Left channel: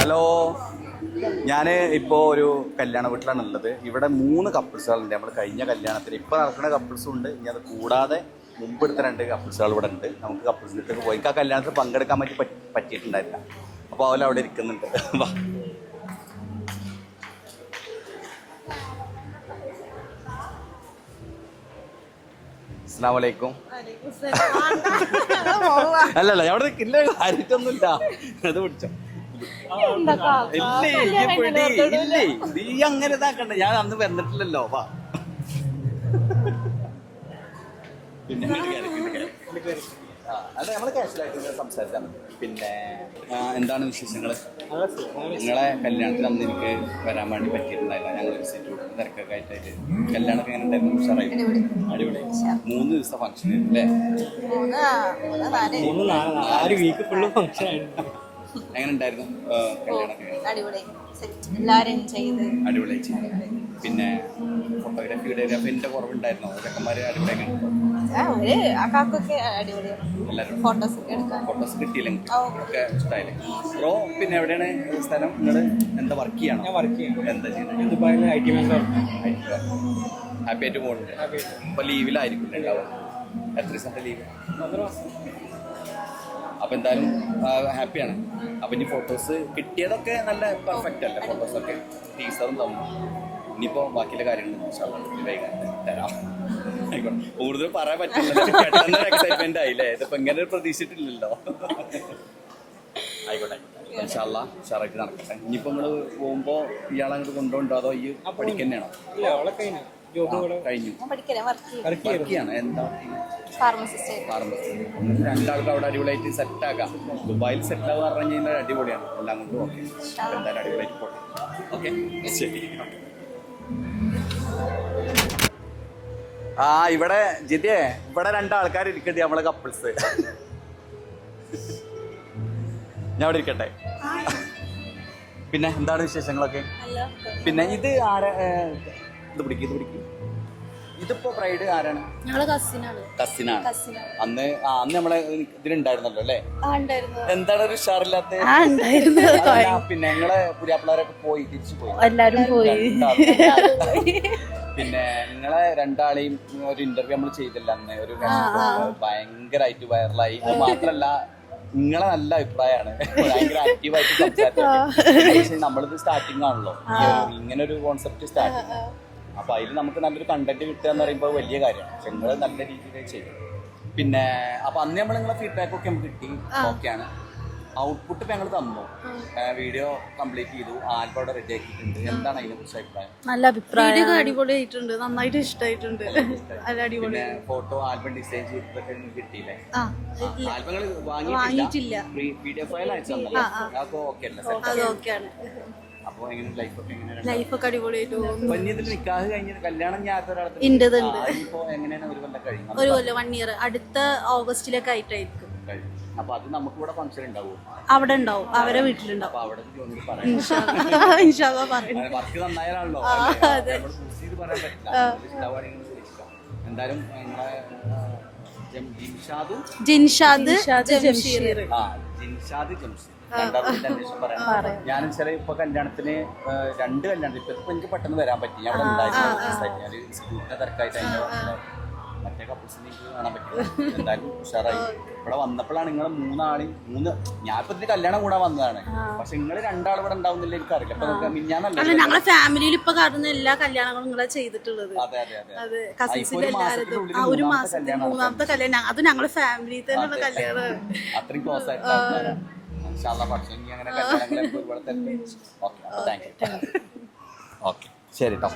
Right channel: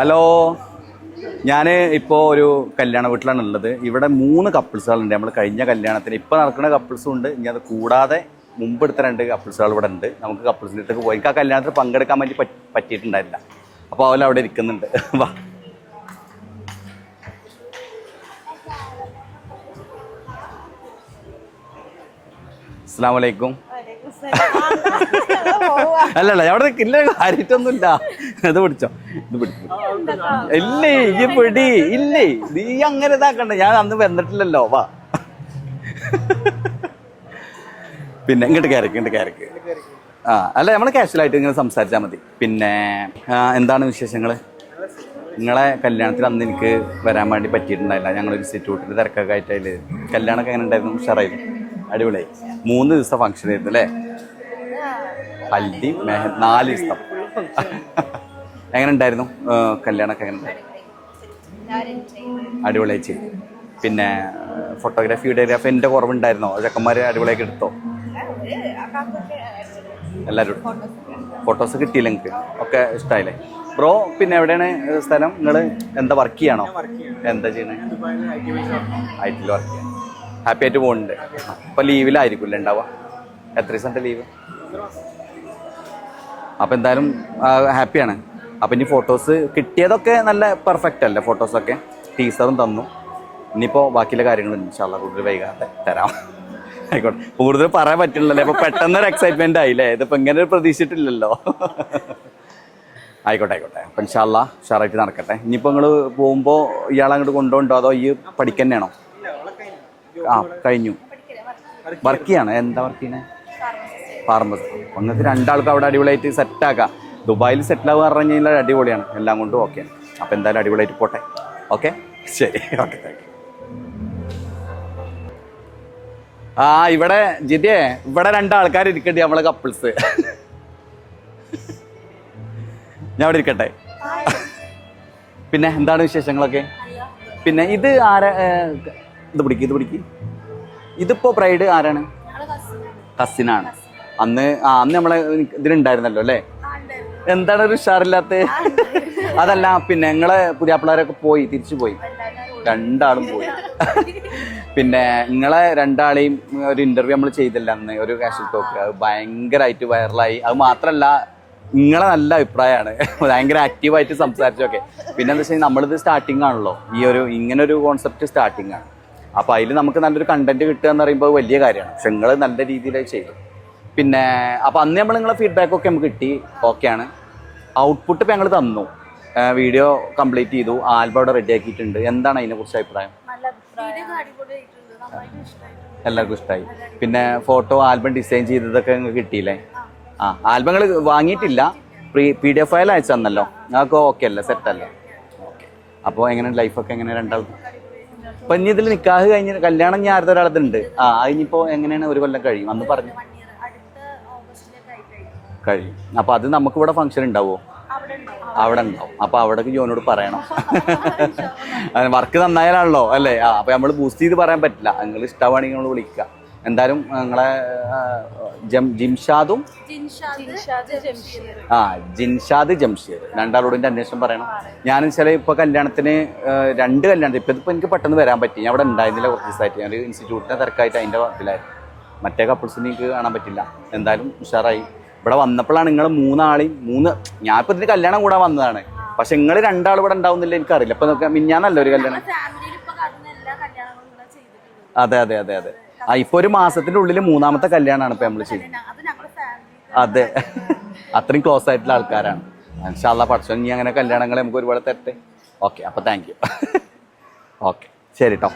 Hello, ഞാൻ ഇപ്പോൾ ഒരു കല്യാണ വീട്ടിലാണ് ഉള്ളത്. ഇവിടെ 3 കപ്പിൾസുകളുണ്ട്. നമ്മൾ കഴിഞ്ഞ കല്യാണത്തിന് ഇപ്പോൾ നടക്കുന്ന കപ്പിൾസും ഉണ്ട്. ഇനി അത് കൂടാതെ മുമ്പ് എടുത്ത 2 കപ്പിൾസുകൾ ഇവിടെ ഉണ്ട്. നമുക്ക് കപ്പിൾസിലേക്ക് പോയി എനിക്ക് ആ കല്യാണത്തിൽ പങ്കെടുക്കാൻ വേണ്ടി പറ്റിയിട്ടുണ്ടായില്ല. അപ്പോൾ അവൻ അവിടെ ഇരിക്കുന്നുണ്ട്. വാ. അസ്സലാമു അലൈക്കും. അല്ലല്ല, അവിടെ ഇല്ല, കാര്യമായിട്ടൊന്നുമില്ല. ഇത് പിടിച്ചോ, ഇത് പിടിച്ചു. ഇല്ലേ ഈ പിടി ഇല്ലേ, നീ അങ്ങനെ ഇതാക്കണ്ട. ഞാൻ അന്ന് വന്നിട്ടില്ലല്ലോ. വാ. പിന്നെ ഇങ്ങോട്ട് കയറിക്ക്. ആ അല്ല, നമ്മൾ കാഷ്വലായിട്ട് ഇങ്ങനെ സംസാരിച്ചാൽ മതി. പിന്നെ എന്താണ് വിശേഷങ്ങൾ? നിങ്ങളെ കല്യാണത്തിൽ അന്ന് എനിക്ക് വരാൻ വേണ്ടി പറ്റിയിട്ടുണ്ടായില്ല. ഞങ്ങൾ ഇൻസ്റ്റിറ്റ്യൂട്ടിൽ തിരക്കൊക്കെ ആയിട്ട്. കല്യാണമൊക്കെ എങ്ങനെ ഉണ്ടായിരുന്നു? ഉഷാറായിരുന്നു, അടിപൊളിയായി. 3 ദിവസം ഫംഗ്ഷൻ ആയിരുന്നു അല്ലേ? 4 ദിവസം. എങ്ങനെ ഉണ്ടായിരുന്നു കല്യാണമൊക്കെ? അടിപൊളിയായി ചെയ്തു. പിന്നെ ഫോട്ടോഗ്രാഫി വീഡിയോഗ്രാഫി എൻ്റെ കുറവുണ്ടായിരുന്നോ? ചെക്കന്മാർ അടിപൊളിയാക്കി എടുത്തോ? എല്ലാവരും ഫോട്ടോസ് കിട്ടിയില്ല നിങ്ങൾക്ക്? ഒക്കെ ഇഷ്ടമായില്ലേ ബ്രോ? പിന്നെ എവിടെയാണ് സ്ഥലം? നിങ്ങൾ എന്താ വർക്ക് ചെയ്യണോ? എന്താ ചെയ്യുന്നത്? ഐ.ടി. വർക്ക്. ഹാപ്പി ആയിട്ട് പോകുന്നുണ്ട്. ഇപ്പം ലീവിലായിരിക്കില്ല ഉണ്ടാവുക? എത്ര ദിവസത്തെ ലീവ്? അപ്പം എന്തായാലും ഹാപ്പിയാണ്. അപ്പം ഇനി ഫോട്ടോസ് കിട്ടിയതൊക്കെ നല്ല പെർഫെക്റ്റ് അല്ലേ? ഫോട്ടോസൊക്കെ ടീച്ചറും തന്നു. ഇനിയിപ്പോൾ ബാക്കിയുള്ള കാര്യങ്ങൾ ഇൻഷാ അല്ലാഹ് കൂടുതൽ വൈകാതെ തരാം. ആയിക്കോട്ടെ. കൂടുതൽ പറയാൻ പറ്റില്ലല്ലോ. ഇപ്പൊ പെട്ടെന്നൊരു എക്സൈറ്റ്മെന്റ് ആയില്ലേ? ഇതിപ്പോ ഇങ്ങനെ ഒരു പ്രതീക്ഷിച്ചിട്ടില്ലല്ലോ. ആയിക്കോട്ടെ. അപ്പൊ ഇൻഷാ അല്ലാഹ് ഉഷാറായിട്ട് നടക്കട്ടെ. ഇനിയിപ്പോ നിങ്ങള് പോകുമ്പോ ഇയാളെ അങ്ങോട്ട് കൊണ്ടുപോകണ്ടോ അതോ ഈ പഠിക്കന്നെയാണോ? ആ കഴിഞ്ഞു. വർക്ക് ചെയ്യാണ്. എന്താ വർക്ക് ചെയ്യുന്നത്? ഫാർമസി. ഒന്നത്തെ 2 ആൾക്ക് അവിടെ അടിപൊളിയായിട്ട് സെറ്റാക്കാം. ദുബായിൽ സെറ്റിൽ ആവുക പറഞ്ഞു കഴിഞ്ഞാൽ അടിപൊളിയാണ്. എല്ലാം കൊണ്ടും ഓക്കെ. അപ്പൊ എന്തായാലും അടിപൊളിയായിട്ട് പോട്ടെ. ഓക്കെ, ശരി. ഓക്കെ. ആ ഇവിടെ ജിതേ, ഇവിടെ 2 ആൾക്കാർ ഇരിക്കട്ടെ, നമ്മളെ കപ്പിൾസ്. ഞാൻ ഇവിടെ ഇരിക്കട്ടെ. പിന്നെ എന്താണ് വിശേഷങ്ങളൊക്കെ? പിന്നെ ഇത് ആരാ? ഇത് പിടിക്ക്. ഇതിപ്പോ ബ്രൈഡ് ആരാണ്? കസിനാണ്. അന്ന് നമ്മളെ ഇതിലുണ്ടായിരുന്നല്ലോ അല്ലേ? എന്താണ് ഒരു ഉഷാറില്ലാത്ത? അതല്ല, പിന്നെ നിങ്ങളെ പുതിയാപ്പിള്ളാരൊക്കെ പോയി, തിരിച്ചു പോയി. 2 ആളും പോയി. പിന്നെ നിങ്ങളെ 2 ആളെയും ഒരു ഇന്റർവ്യൂ നമ്മൾ ചെയ്തില്ല അന്ന്, ഒരു കാസറ്റ് ടോക്ക്. ഭയങ്കരമായിട്ട് വൈറലായി. അത് മാത്രല്ല, നിങ്ങളെ നല്ല അഭിപ്രായമാണ്. ഭയങ്കര ആക്റ്റീവായിട്ട് സംസാരിച്ചൊക്കെ. പിന്നെ എന്താ വെച്ചാൽ നമ്മളിത് സ്റ്റാർട്ടിങ് ആണല്ലോ, ഈ ഒരു ഇങ്ങനെ ഒരു കോൺസെപ്റ്റ് സ്റ്റാർട്ടിങ് ആണ്. അപ്പൊ അതിൽ നമുക്ക് നല്ലൊരു കണ്ടന്റ് കിട്ടുക എന്ന് പറയുമ്പോൾ വലിയ കാര്യമാണ്. പക്ഷെ നിങ്ങൾ നല്ല രീതിയിലായി ചെയ്തു. പിന്നെ അപ്പൊ അന്ന് നമ്മൾ നിങ്ങളെ ഫീഡ്ബാക്ക് ഒക്കെ നമുക്ക് കിട്ടി. ഓക്കെയാണ്. ഔട്ട്പുട്ട് ഇപ്പൊ ഞങ്ങൾ തന്നു. വീഡിയോ കംപ്ലീറ്റ് ചെയ്തു. ആൽബം അവിടെ റെഡി ആക്കിയിട്ടുണ്ട്. എന്താണ് അതിനെ കുറിച്ച് അഭിപ്രായം? നല്ല അഭിപ്രായം. അടിപൊളിയായിട്ടുണ്ട്, നന്നായിട്ട് ഇഷ്ടമായിട്ടുണ്ട്. എല്ലാവർക്കും ഇഷ്ടമായി. പിന്നെ ഫോട്ടോ ആൽബം ഡിസൈൻ ചെയ്തതൊക്കെ കിട്ടിയില്ലേ? ആൽബങ്ങൾ വാങ്ങിയിട്ടില്ല, PDF ഫയൽ അയച്ചു തന്നല്ലോ. അതൊക്കെ ഓക്കെ അല്ലേ? സെറ്റ് അല്ലേ? അപ്പൊ എങ്ങനെ ലൈഫൊക്കെ എങ്ങനെ? 2 അപ്പൊ ഇനി ഇതിൽ നിക്കാഹ് കഴിഞ്ഞ കല്യാണം ഞാൻ ആരുടെ ഒരാളത്തുണ്ട്. അതിനിപ്പോ എങ്ങനെയാണ്? 1 കൊല്ലം കഴിയും. അടുത്ത ഓഗസ്റ്റിലൊക്കെ ആയിട്ടായിരിക്കും കഴിയും. അപ്പൊ അത് നമുക്ക് ഇവിടെ ഫംഗ്ഷൻ ഉണ്ടാവോ? അവിടെ ഉണ്ടാവും. അപ്പൊ അവിടെ ജോനോട് പറയണം. വർക്ക് നന്നായാലാണല്ലോ അല്ലേ? അപ്പൊ നമ്മള് ബൂസ്റ്റ് ചെയ്ത് പറയാൻ പറ്റില്ല. നിങ്ങൾ ഇഷ്ടമാണെങ്കിൽ നമ്മൾ വിളിക്കുക. എന്തായാലും നിങ്ങളെ ജിൻഷാദ് ജംഷീർ 2 ആളോട് അന്വേഷണം പറയണം. ഞാൻ ചില ഇപ്പൊ കല്യാണത്തിന് 2 കല്യാണത്തിന് ഇപ്പൊ എനിക്ക് പെട്ടെന്ന് വരാൻ പറ്റി. ഞാൻ അവിടെ ഉണ്ടായിരുന്നില്ല ഓഫീസായിട്ട്. ഞാൻ ഇൻസ്റ്റിറ്റ്യൂട്ടിന്റെ തിരക്കായിട്ട് അതിന്റെ വർക്കിലായിരുന്നു. മറ്റേ കപ്പിൾസിന് എനിക്ക് കാണാൻ പറ്റില്ല. എന്തായാലും ഉഷാറായി. ഇവിടെ വന്നപ്പോഴാണ് നിങ്ങൾ 3 ആളെയും ഞാൻ ഇപ്പൊ ഇതിന് കല്യാണം കൂടാൻ വന്നതാണ്. പക്ഷെ നിങ്ങൾ 2 ആൾ ഇവിടെ ഉണ്ടാവുന്നില്ല എനിക്കറിയില്ല. ഇപ്പൊ മിഞ്ഞാന്നല്ല ഒരു കല്യാണം. അതെ. ഇപ്പൊ ഒരു മാസത്തിന്റെ ഉള്ളിൽ 3ാമത്തെ കല്യാണമാണ് ഇപ്പൊ നമ്മള്. അതെ, അത്രയും ക്ലോസ് ആയിട്ടുള്ള ആൾക്കാരാണ്. ഇൻഷാ അല്ലാഹ് പഠിച്ചോ. ഇനി അങ്ങനെ കല്യാണങ്ങൾ നമുക്ക് ഒരുപാട് തരട്ടെ. ഓക്കെ, അപ്പൊ താങ്ക് യു. ഓക്കെ, ശരി കേട്ടോ.